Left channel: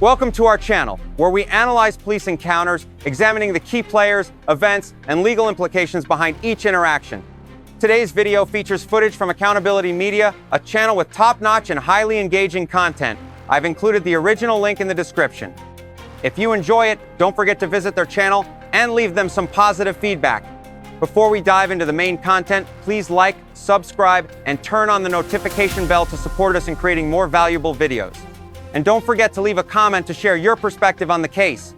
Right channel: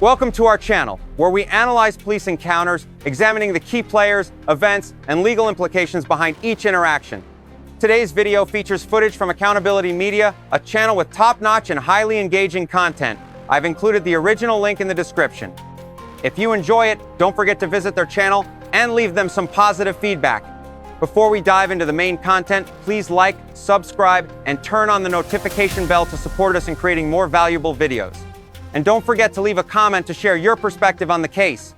Welcome to our channel, where we analyze police encounters, examining the key players, events, and legal implications behind each interaction. Today's video features footage from Accountability Media, a channel with top-notch and highly engaging content. I've included the original link in the description. If you enjoy it, don't forget to visit their channel and leave them some positive feedback. Before we dive into the main content, please like, subscribe, and turn on the notification bell to support us in creating more valuable videos. And don't forget to leave a comment to share your perspective on the case.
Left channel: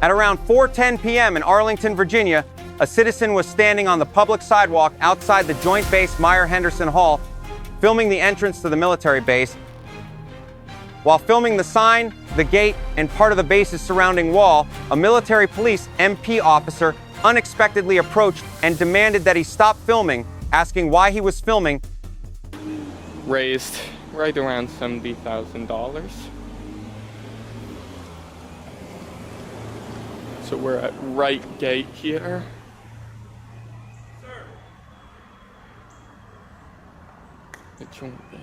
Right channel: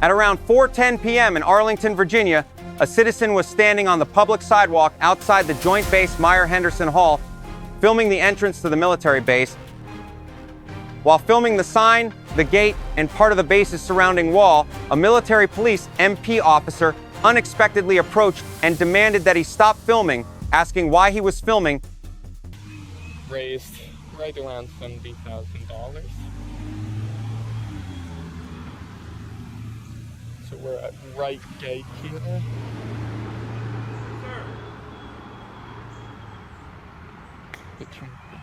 At around 4:10 p.m. in Arlington, Virginia, a citizen was standing on the public sidewalk outside the Joint Base Meier-Henderson Hall, filming the entrance to the military base. While filming the sign, the gate, and part of the base's surrounding wall, a military police MP officer unexpectedly approached and demanded that he stop filming, asking why he was filming. Raised right around $70,000. So we're at right gate here. Sir. The Joint Base.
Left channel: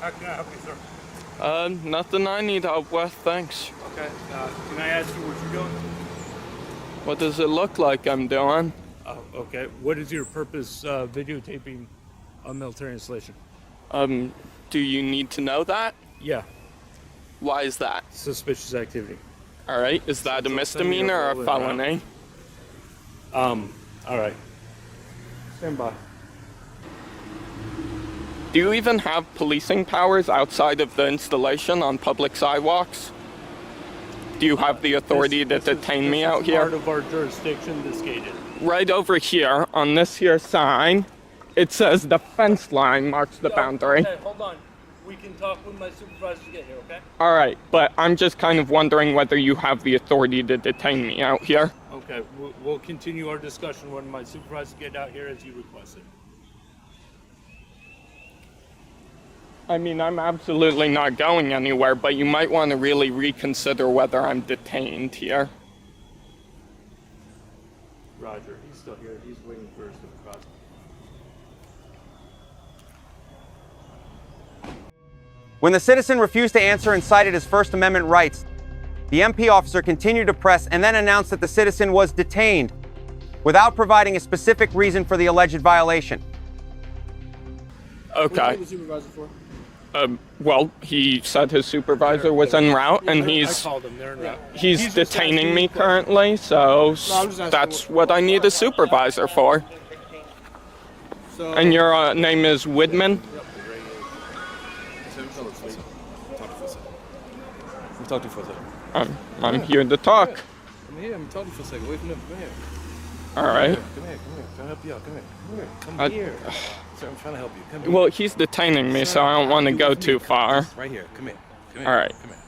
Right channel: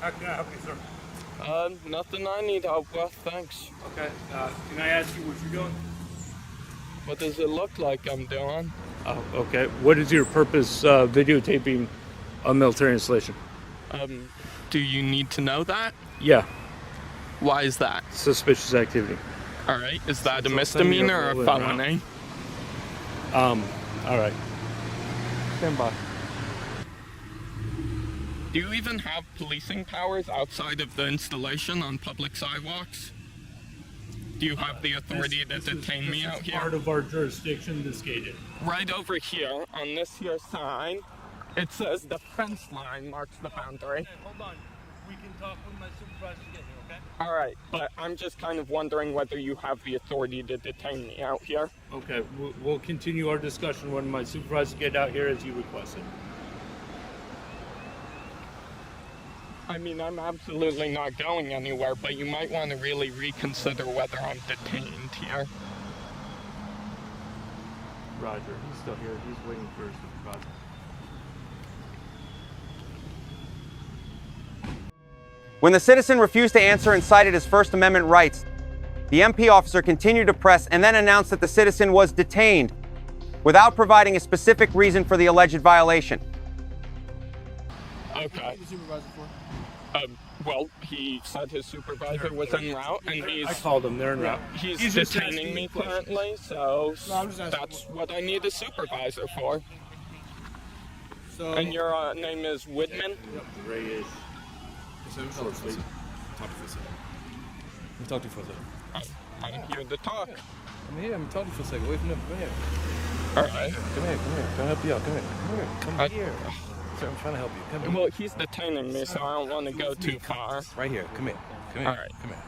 How can I help you, sir? Nothing I need help with, thanks. Okay. Can I ask you what you're doing? What does it look like I'm doing? Oh, okay. What is your purpose videotaping a military installation? Do you need to know that? Yeah. Why is that? Suspicious activity. All right, is that a So send me misdemeanor or over a there, felony? All right. Stand by. Do you even have policing powers outside of the installation on public sidewalks? Do you have the authority to detain me out here? Part of our jurisdiction, this gated. Right over here on this here sign, it says the fence line marks the boundary. Okay, hold on. We can talk when my supervisor get here, okay? All right, but I'm just kind of wondering whether you have the authority to detain me out here. Okay, we'll continue our discussion when my supervisor get out here as you requested. I mean, I'm absolutely not going anywhere, but you might want to really reconsider whether I'm detained here. Roger, he's still here. He's waiting for his supervisor. When the citizen refused to answer and cited his First Amendment rights, the MP officer continued to press and then announced that the citizen was detained without providing a specific reason for the alleged violation. Okay. What the supervisor for? Well, he said his supervisor was en route, and I called him. They're in route. he's just detaining asking me questions. currently, so No, I'm just asking that's what I need a supervisor for. So, And your name is Widman? Ray is. Talk to you for a second. I'm here to talk. Come here, I'm talking for a second. Wait for them. Come here. All right. Come here. Trying to help you out. Come here. Come here. Sir, I'm trying to help you. Come here. Well, he's detaining me, so I don't want to go too far. Right here. Come here. All right. Come here.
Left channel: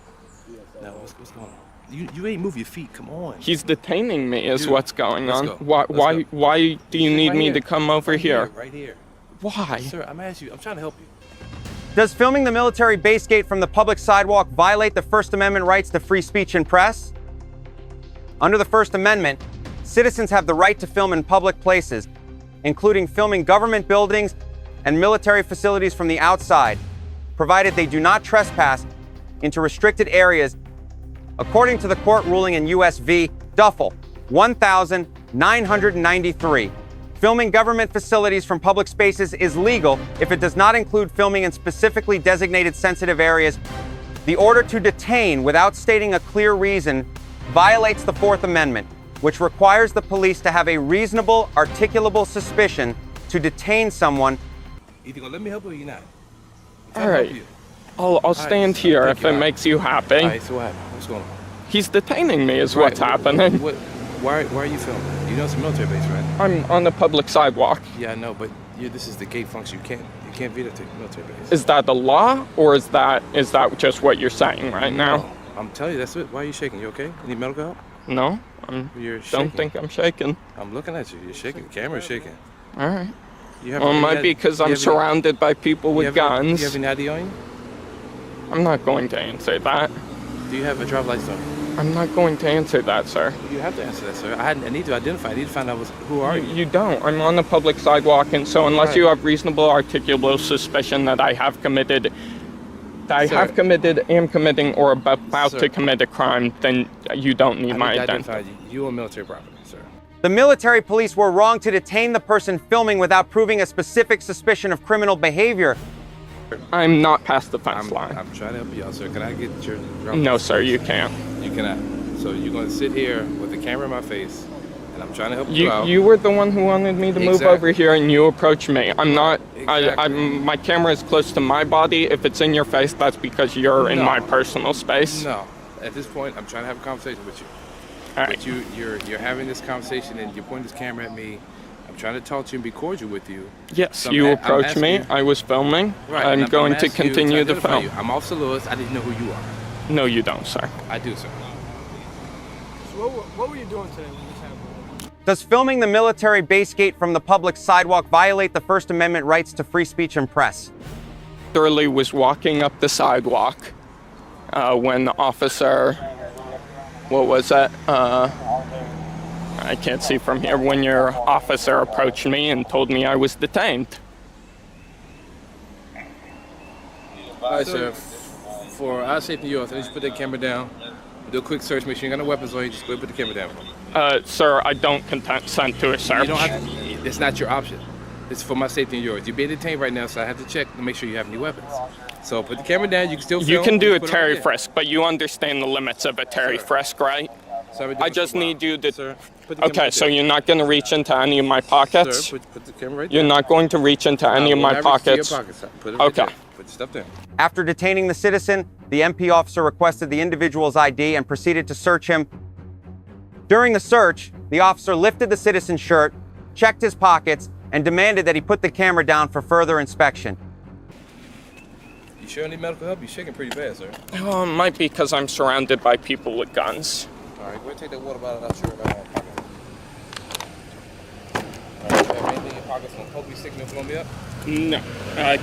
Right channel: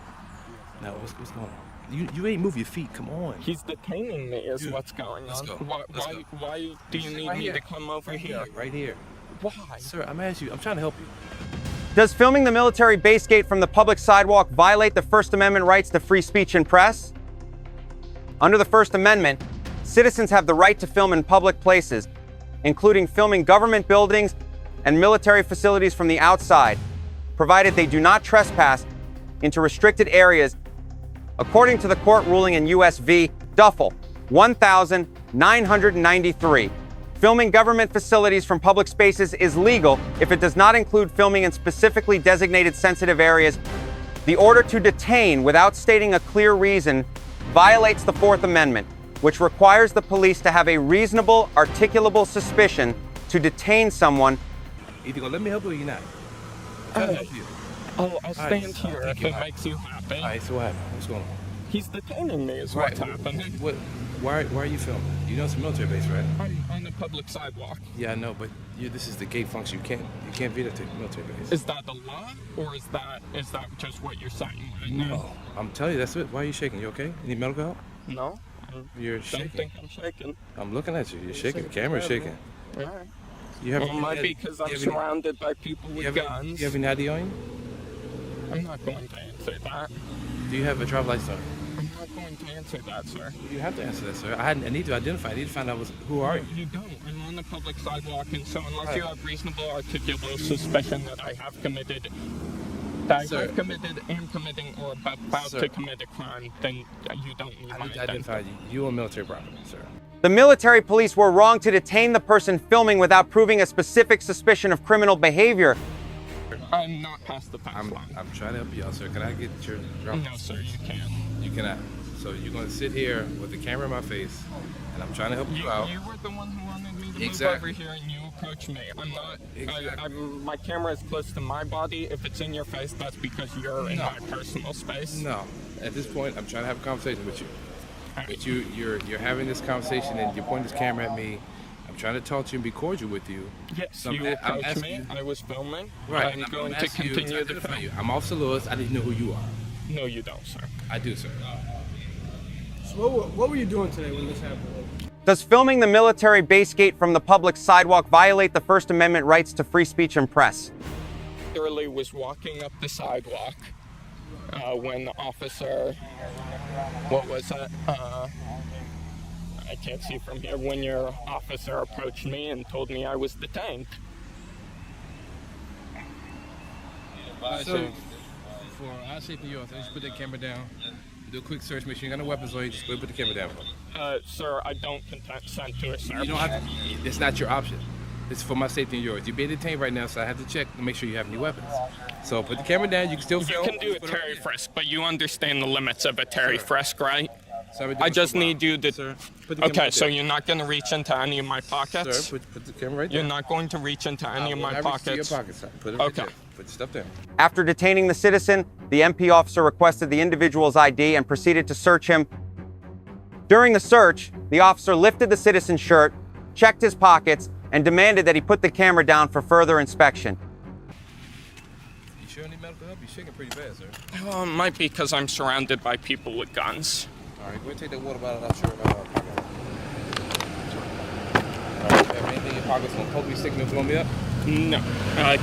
Now, what's going on? You ain't move your feet. Come on. He's detaining me is Dude, what's going let's on. go. Why do you need Right me here. to come over Right here? Right here. Why? Sir, I'm asking you. I'm trying to help you. Does filming the military base gate from the public sidewalk violate the First Amendment rights to free speech and press? Under the First Amendment, citizens have the right to film in public places, including filming government buildings and military facilities from the outside, provided they do not trespass into restricted areas, according to the court ruling in U.S. v. Duffel, 1993. Filming government facilities from public spaces is legal if it does not include filming in specifically designated sensitive areas. The order to detain without stating a clear reason violates the Fourth Amendment, which requires the police to have a reasonable, articulable suspicion to detain someone. Either gonna let me help you or you're not. I'm All trying to right. help you. I'll stand here thank if you. it makes you happy. All right, so what happened? What's going on? He's detaining me is what's happening. Why are you filming? You know it's a military base, right? I'm on the public sidewalk. Yeah, I know, but this is the gate function. You can't videotape military base. Is that the law, or is that just what you're saying right now? No, I'm telling you, that's it. Why are you shaking? You okay? Need medical help? No, You're don't shaking. think I'm shaking. I'm looking at you. You're shaking. The camera's shaking. All right. You have, Well, it you might got- be because you I'm have any- surrounded by people with you have guns. You have any ID on you? I'm not going to answer that. Do you have a driver's license on you? I'm not going to answer that, sir. You have to answer that, sir. I need to identify. I need to find out who are you. You don't. I'm on the public sidewalk, and so unless Right. you have reasonable articulable suspicion that I have committed, Sir. am committing, or about Sir. to commit a crime, then you don't need I my need to identity. identify you. You own military property, sir. The military police were wrong to detain the person filming without proving a specific suspicion of criminal behavior. I'm not past the fence I'm line. trying to help you out, sir. Can I get your driver's No, license? sir, you can't. You cannot. So you're going to sit here with the camera in my face, and I'm trying to help you out. You were the one who wanted me to move Exactly. over here, and you approached me. I'm not. Exactly. My camera is close to my body. If it's in your face, that's because you're in No. my personal space. No. At this point, I'm trying to have a conversation with you. All right. But you're having this conversation, and you're pointing this camera at me. I'm trying to talk to you and be cordial with you. Yes, So you I'm approached asking me. you- I was filming. Right. I'm and going to asking you continue the identify film. you. I'm Officer Lewis. I need to know who you are. No, you don't, sir. I do, sir. So what were you doing today when this happened? Does filming the military base gate from the public sidewalk violate the First Amendment rights to free speech and press? Literally was walking up the sidewalk when the officer, what was that? I can't see from here. When your officer approached me and told me I was detained. All right, sir. For our safety, yours, I need you to put that camera down. Do a quick search. Make sure you got no weapons on you. Just go ahead and put the camera down for me. Sir, I don't consent to a search. You don't have to. It's not your option. It's for my safety and yours. You're being detained right now, so I have to check to make sure you have any weapons. So put the camera down. You can still film. You can do a Just put it over Terry there. frisk, but you understand the limits of a Terry Sir. frisk, right? So I've been doing I this just for a while. need you to. Sir, put the camera Okay, right so there. you're not going to reach into any of my pockets? Sir, put the camera right there. You're not going to reach into any of I will my not reach to pockets? Your pockets. Sir. Put it right Okay. there. Put your stuff down. After detaining the citizen, the MP officer requested the individual's ID and proceeded to search him. During the search, the officer lifted the citizen's shirt, checked his pockets, and demanded that he put the camera down for further inspection. You sure need medical help? You're shaking pretty bad, sir. Oh, it might be because I'm surrounded by people with guns. All right, go ahead and take that water bottle out your pocket. All right, you have anything in your pockets gonna poke me, stick me, blow me up? No.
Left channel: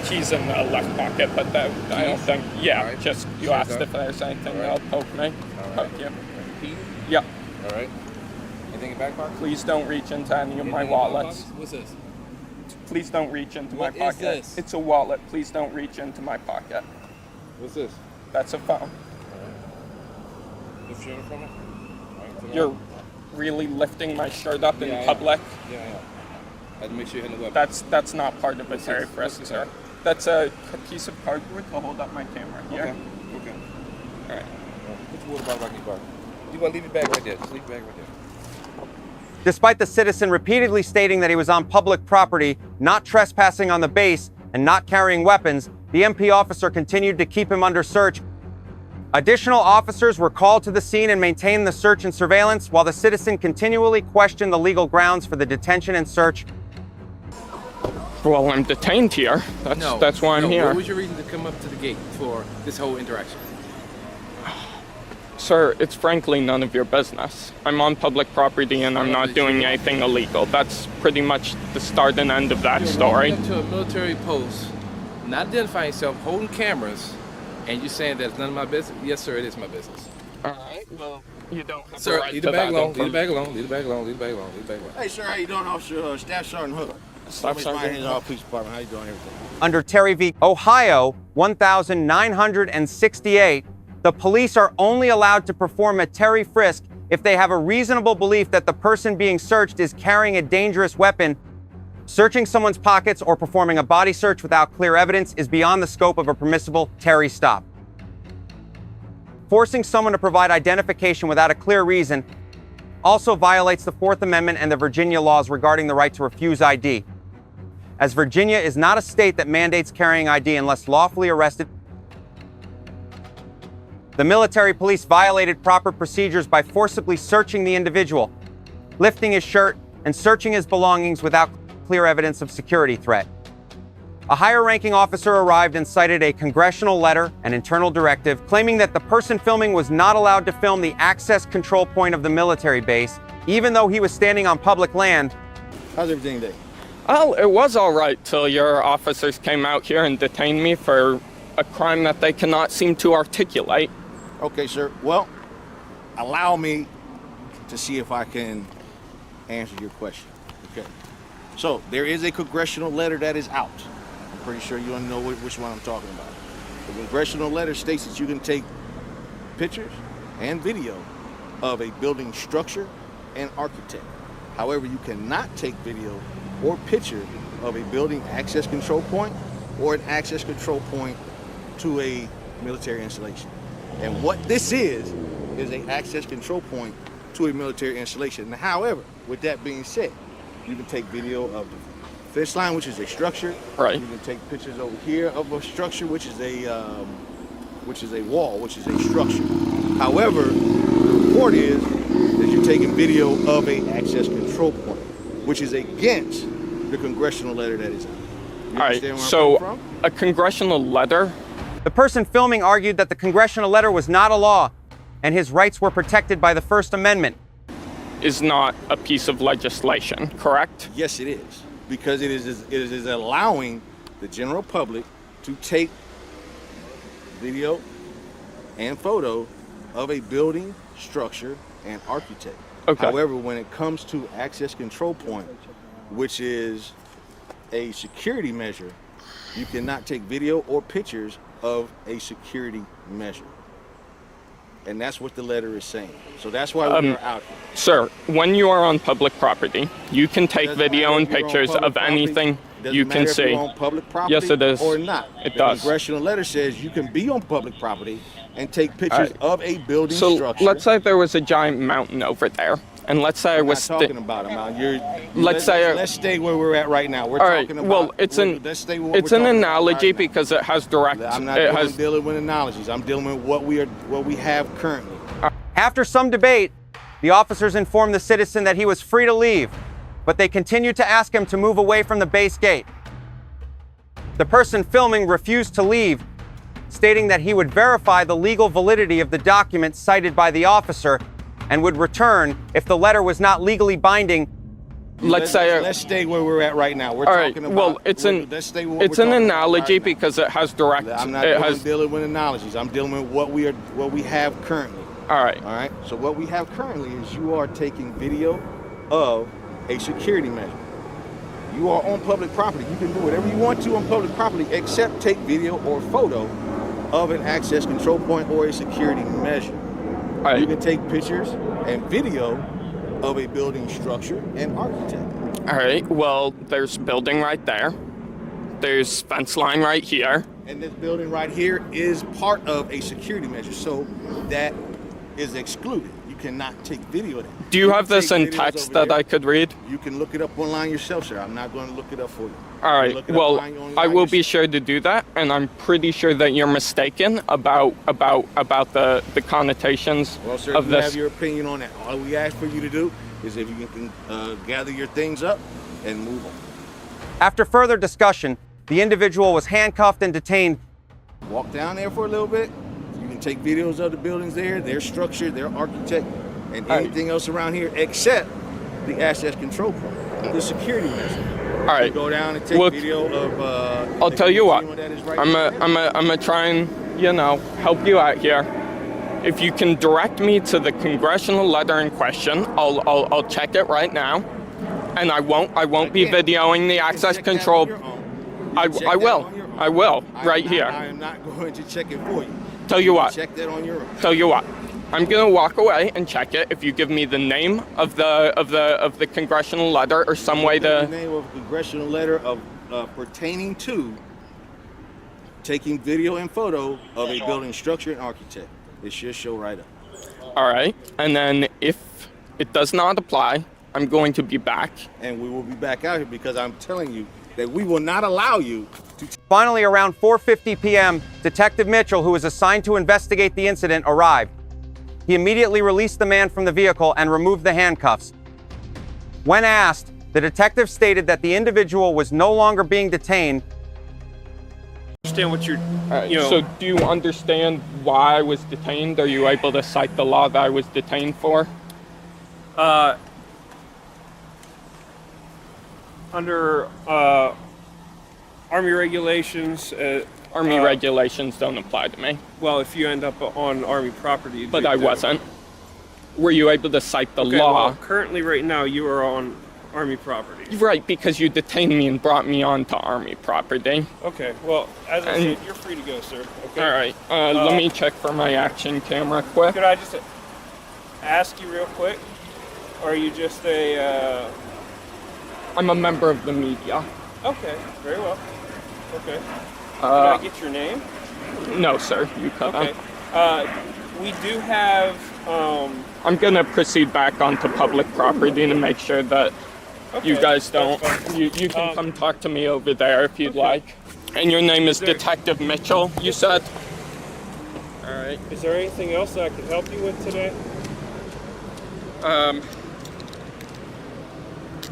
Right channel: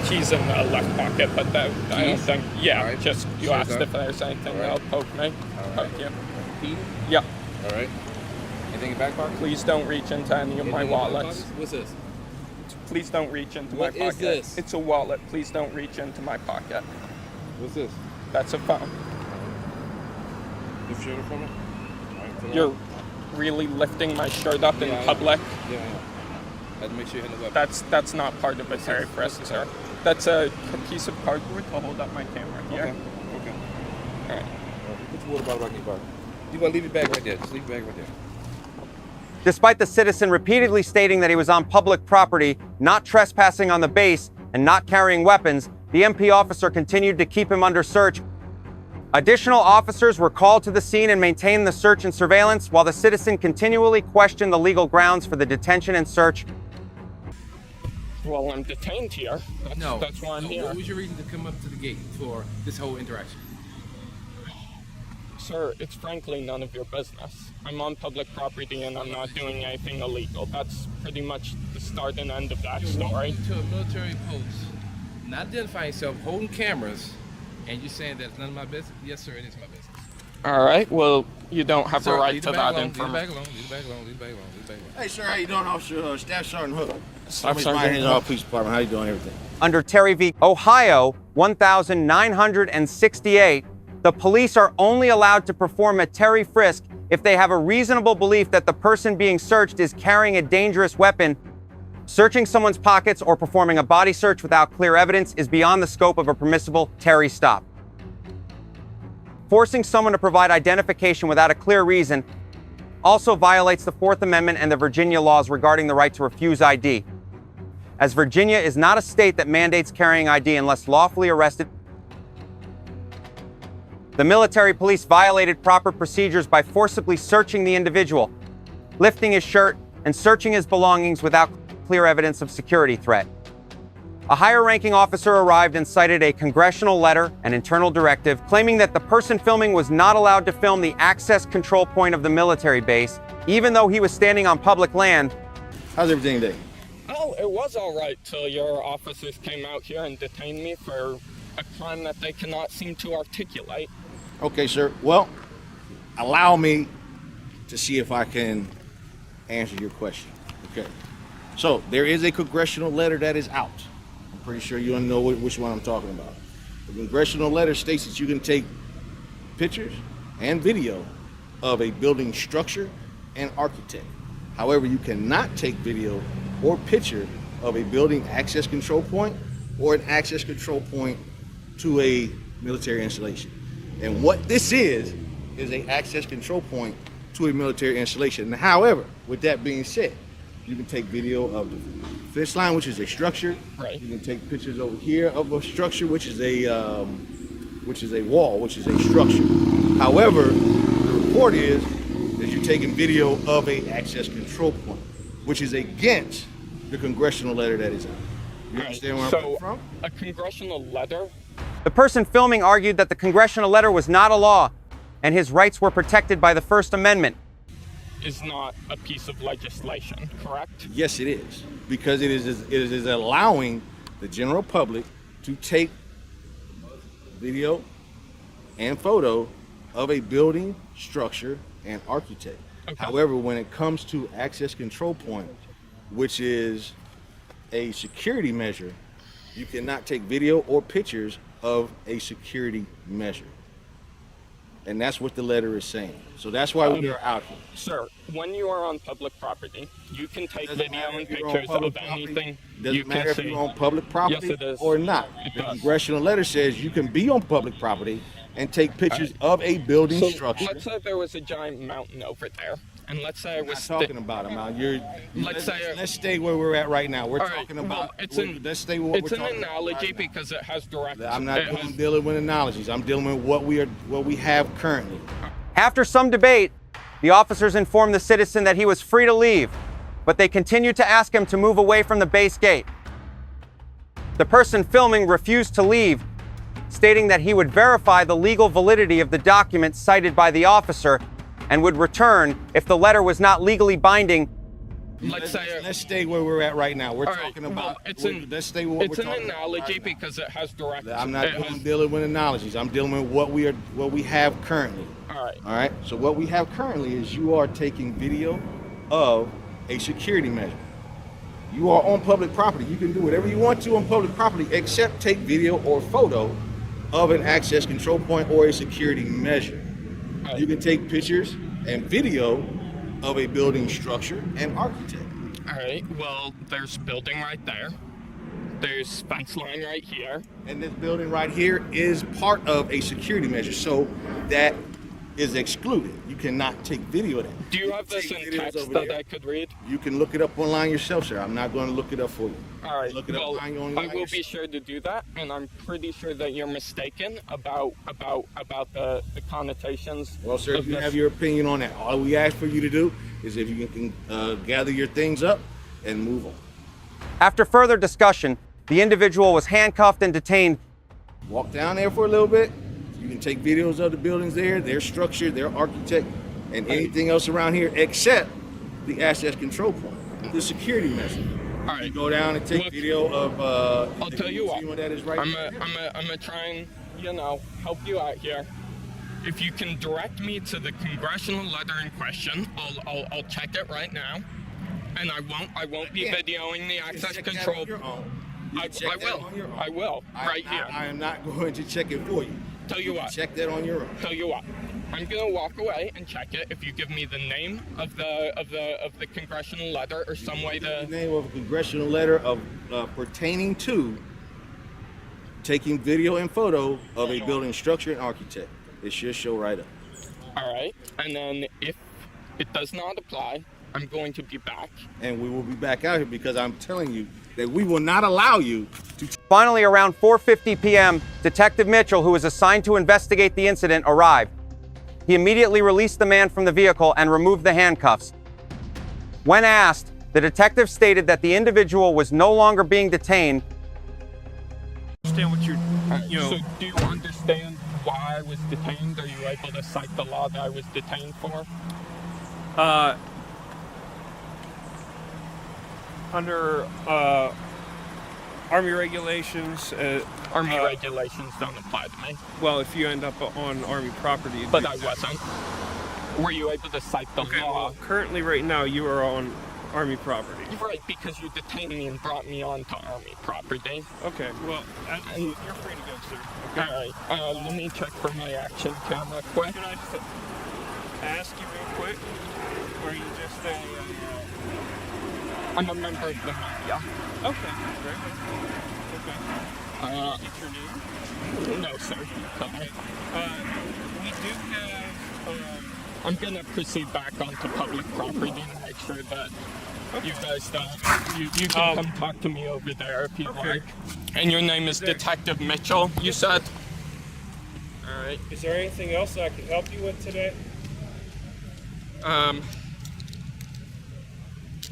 Keys in the left pocket, but that, I don't Keys? think. Yeah, All right. just you Sure, asked sir. if there's anything All right. that'll poke me. All right. Poke you. Keys? Yeah. All right. Anything in your back pocket? Please don't reach into any of Anything my in your back wallets. pockets? What's this? Please don't reach into What my is pocket. this? It's a wallet. Please don't reach into my pocket. What's this? That's a phone. Lift your shirt for me. All right, put it You're on. really lifting my shirt up Yeah, I in am. public. Yeah, yeah. I had to make sure you had no weapon. That's not part of a Terry frisk, What's sir. this? That's a piece of cardboard to hold up my camera here. Okay. Okay. All right. Put your water bottle back in your pocket. You want to leave your bag right there. Just leave your bag right there. Despite the citizen repeatedly stating that he was on public property, not trespassing on the base, and not carrying weapons, the MP officer continued to keep him under search. Additional officers were called to the scene and maintained the search and surveillance, while the citizen continually questioned the legal grounds for the detention and search. Well, I'm detained here. That's why I'm here. What was your reason to come up to the gate for this whole interaction? Sir, it's frankly none of your business. I'm on public property and I'm not doing anything illegal. That's pretty much the start and end of that You're story. walking up to a military post, not identifying yourself, holding cameras, and you're saying that it's none of my business? Yes, sir, it is my business. All right, well, you don't have Sir, a right leave to the bag that alone, leave the information. bag alone, leave the bag alone, leave the bag alone, leave the bag alone. Hey, sir, how you doing, Officer Staff Sergeant Hook? Staff Miss Sergeant Myers, Hook. Police Department. How you doing? Everything. Under Terry v. Ohio 1968, the police are only allowed to perform a Terry frisk if they have a reasonable belief that the person being searched is carrying a dangerous weapon. Searching someone's pockets or performing a body search without clear evidence is beyond the scope of a permissible Terry stop. Forcing someone to provide identification without a clear reason also violates the Fourth Amendment and the Virginia laws regarding the right to refuse ID, as Virginia is not a state that mandates carrying ID unless lawfully arrested. The military police violated proper procedures by forcibly searching the individual, lifting his shirt, and searching his belongings without clear evidence of security threat. A higher-ranking officer arrived and cited a congressional letter and internal directive claiming that the person filming was not allowed to film the access control point of the military base, even though he was standing on public land. How's everything today? Well, it was all right till your officers came out here and detained me for a crime that they cannot seem to articulate. Okay, sir. Well, allow me to see if I can answer your question. Okay. So there is a congressional letter that is out. I'm pretty sure you know which one I'm talking about. The congressional letter states that you can take pictures and video of a building structure and architect. However, you cannot take video or picture of a building access control point or an access control point to a military installation. And what this is an access control point to a military installation. However, with that being said, you can take video of the fence line, which is a structure. Right. You can take pictures over here of a structure, which is a wall, which is a structure. However, the report is that you're taking video of a access control point, which is against the congressional letter that is out. You understand where I'm coming from? A congressional letter? The person filming argued that the congressional letter was not a law and his rights were protected by the First Amendment. Is not a piece of legislation, correct? Yes, it is, because it is allowing the general public to take video and photo of a building, structure, and architect. Okay. However, when it comes to access control point, which is a security measure, you cannot take video or pictures of a security measure. And that's what the letter is saying. So that's why we're out here. Sir, when you are on public property, you can take video and pictures of anything you can see. If you're on public property Yes, it is. or not. It the does. Congressional letter says you can be on public property and take pictures of a building structure. Let's say there was a giant mountain over there, and let's say I We're was not talking about them. Let's stay where we're at right now. We're all right. talking about. Well, it's an analogy because it has direct. I'm not dealing with analogies. I'm dealing with what we have currently. After some debate, the officers informed the citizen that he was free to leave, but they continued to ask him to move away from the base gate. The person filming refused to leave, stating that he would verify the legal validity of the documents cited by the officer and would return if the letter was not legally binding. Let's stay where we're at right now. We're talking about. Well, it's an analogy because it has direct. I'm not dealing with analogies. I'm dealing with what we have currently. All right. All right. So what we have currently is you are taking video of a security measure. You are on public property. You can do whatever you want to on public property except take video or photo of an access control point or a security measure. Right. You can take pictures and video of a building structure and architect. All right. Well, there's building right there. There's fence line right here. And this building right here is part of a security measure, so that is excluded. You cannot take video of that. Do you have this in text that I could read? You can look it up online yourself, sir. I'm not going to look it up for you. All right. Well, I will be sure to do that, and I'm pretty sure that you're mistaken about the connotations Well, sir, of if you this. have your opinion on that, all we ask for you to do is if you can gather your things up and move on. After further discussion, the individual was handcuffed and detained. Walk down there for a little bit. You can take videos of the buildings there, their structure, their architect, and anything else around here except the access control point, the security measure. All right. You go down and take video of. I'll tell you what. Right I'm gonna try and help you out here. If you can direct me to the congressional letter in question, I'll check it right now, and I won't be videoing the access control. I will right here. I am not going to check it for you. Tell you what. Check that on your own. Tell you what. I'm gonna walk away and check it if you give me the name of the congressional letter or some way to. The name of a congressional letter of pertaining to taking video and photo of a building structure and architect. It should show right up. All right, and then if it does not apply, I'm going to be back. And we will be back out here because I'm telling you that we will not allow you to. Finally, around 4:50 p.m., Detective Mitchell, who was assigned to investigate the incident, arrived. He immediately released the man from the vehicle and removed the handcuffs. When asked, the detective stated that the individual was no longer being detained. Understand what you're, So do you understand why I was detained? Are you able to cite the law that I was detained for? Under Army regulations. Army regulations don't apply to me. Well, if you end up on Army property. But I wasn't. were you able to cite the Okay, law? well, currently right now you are on Army property. Right, because you detained me and brought me onto Army property. Okay, well, as I said, you're free to go, sir. Okay. All right, let me check for my action camera quick. Could I just ask you real quick? Or are you just a... I'm a member of the media. Okay, very well. Okay. Can I get your name? No, sir, you cut Okay. out. We do have... I'm gonna proceed back onto public property to make sure that you guys don't. You can come talk to me over there if you'd like. And your name is Detective Mitchell, you said? All right. Is there anything else that I can help you with today?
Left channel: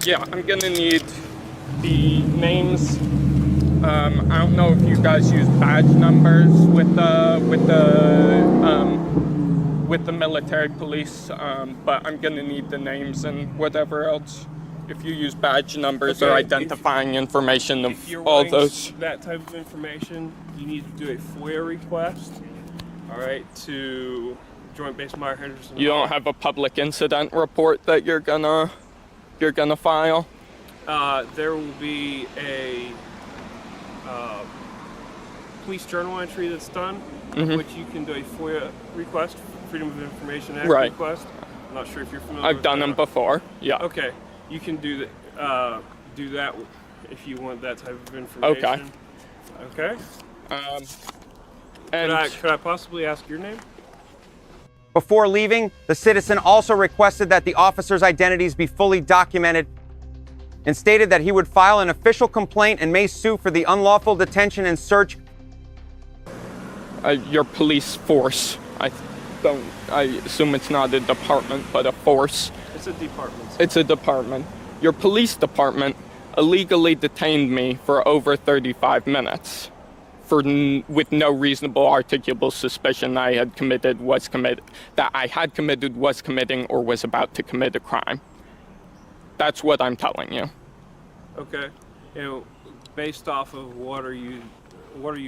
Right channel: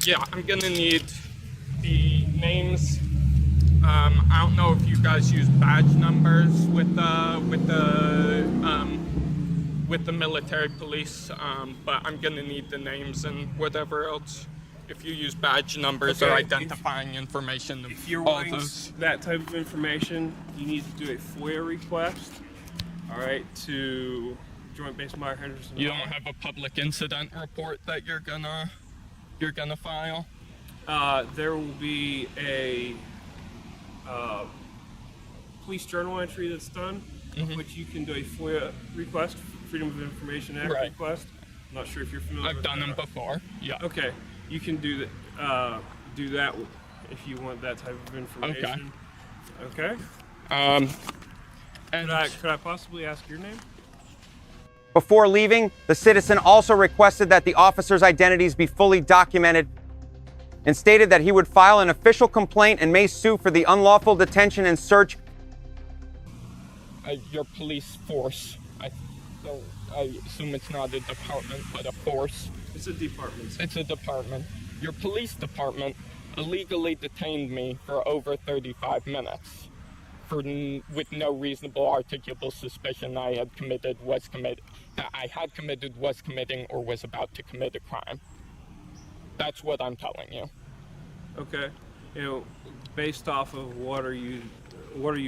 Yeah, I'm gonna need the names. I don't know if you guys use badge numbers with the military police, but I'm gonna need the names and whatever else. If you use badge numbers or identifying information of If you're all wanting those. that type of information, you need to do a FOIA request. All right, to Joint Base Meyer Henderson. You don't have a public incident report that you're gonna file? There will be a police journal entry that's done, which you can do a FOIA request, Freedom of Information Act request. I'm not sure if you're familiar with I've done them before, yeah. Okay, you can do that if you want that type of information. Okay. And Could I possibly ask your name? Before leaving, the citizen also requested that the officers' identities be fully documented and stated that he would file an official complaint and may sue for the unlawful detention and search. Your police force. I assume it's not a department, but a force. It's a department. It's a department. Your police department illegally detained me for over 35 minutes with no reasonable articulable suspicion that I had committed, was committing, or was about to commit a crime. That's what I'm telling you. Okay. Based off of what are you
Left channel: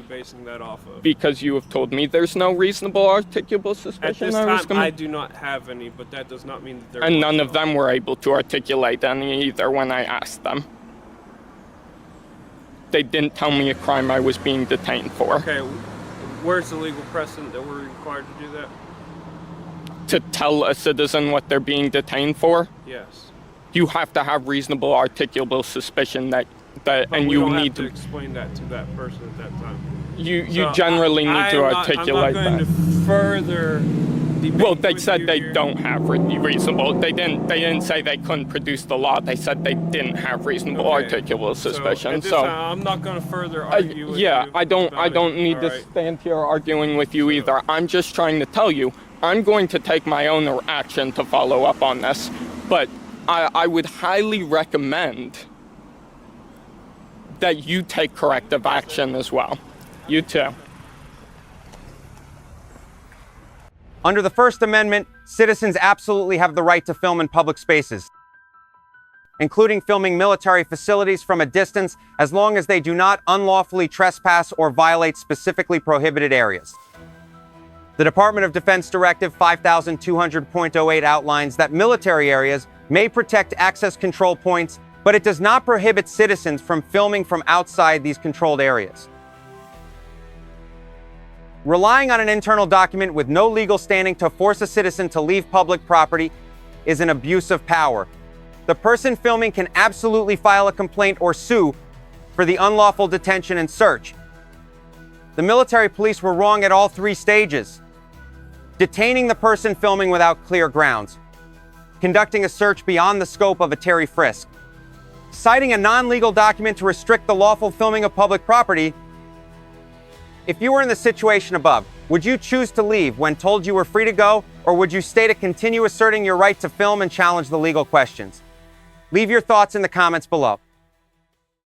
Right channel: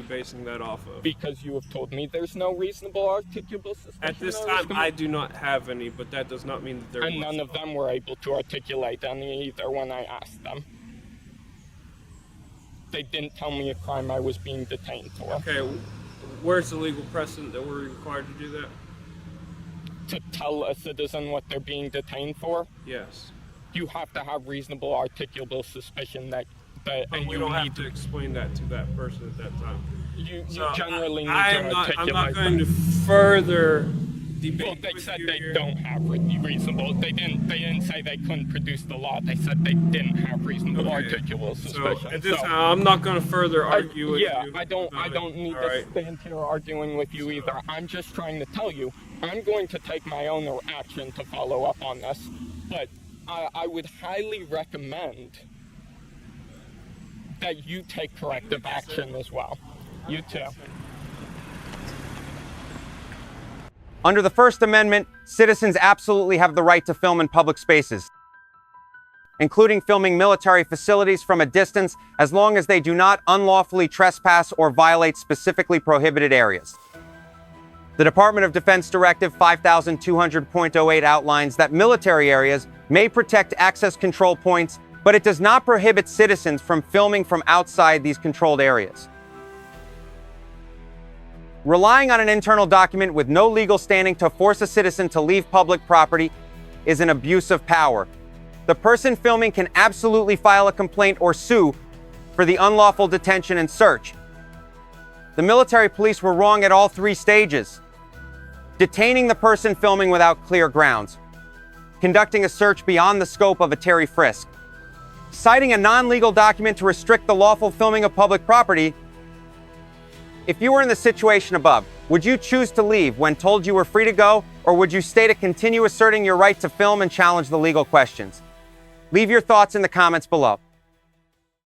basing that off of? Because you have told me there's no reasonable articulable suspicion. At this time, I do not have any, but that does not mean that there And was none of no. them were able to articulate any either when I asked them. They didn't tell me a crime I was being detained for. Okay, where's the legal precedent that we're required to do that? To tell a citizen what they're being detained for, Yes. you have to have reasonable articulable suspicion that But and we you don't need have to explain that to that person at that time. You So generally need to articulate I'm not going that. to further debate Well, they with said you they here. don't have reasonable. They didn't say they couldn't produce the law. They said they didn't have reasonable Okay. articulable So suspicion. at this time, I'm not going to further argue with yeah, you. I don't about need it. to All right. stand here arguing with you either. I'm just trying to tell you, I'm going to take my own action to follow up on this, but I would highly recommend that you take corrective action as well. You too. Under the First Amendment, citizens absolutely have the right to film in public spaces, including filming military facilities from a distance, as long as they do not unlawfully trespass or violate specifically prohibited areas. The Department of Defense Directive 5200.08 outlines that military areas may protect access control points, but it does not prohibit citizens from filming from outside these controlled areas. Relying on an internal document with no legal standing to force a citizen to leave public property is an abuse of power. The person filming can absolutely file a complaint or sue for the unlawful detention and search. The military police were wrong at all three stages: detaining the person filming without clear grounds, conducting a search beyond the scope of a Terry frisk, citing a non-legal document to restrict the lawful filming of public property. If you were in the situation above, would you choose to leave when told you were free to go, or would you stay to continue asserting your right to film and challenge the legal questions? Leave your thoughts in the comments below.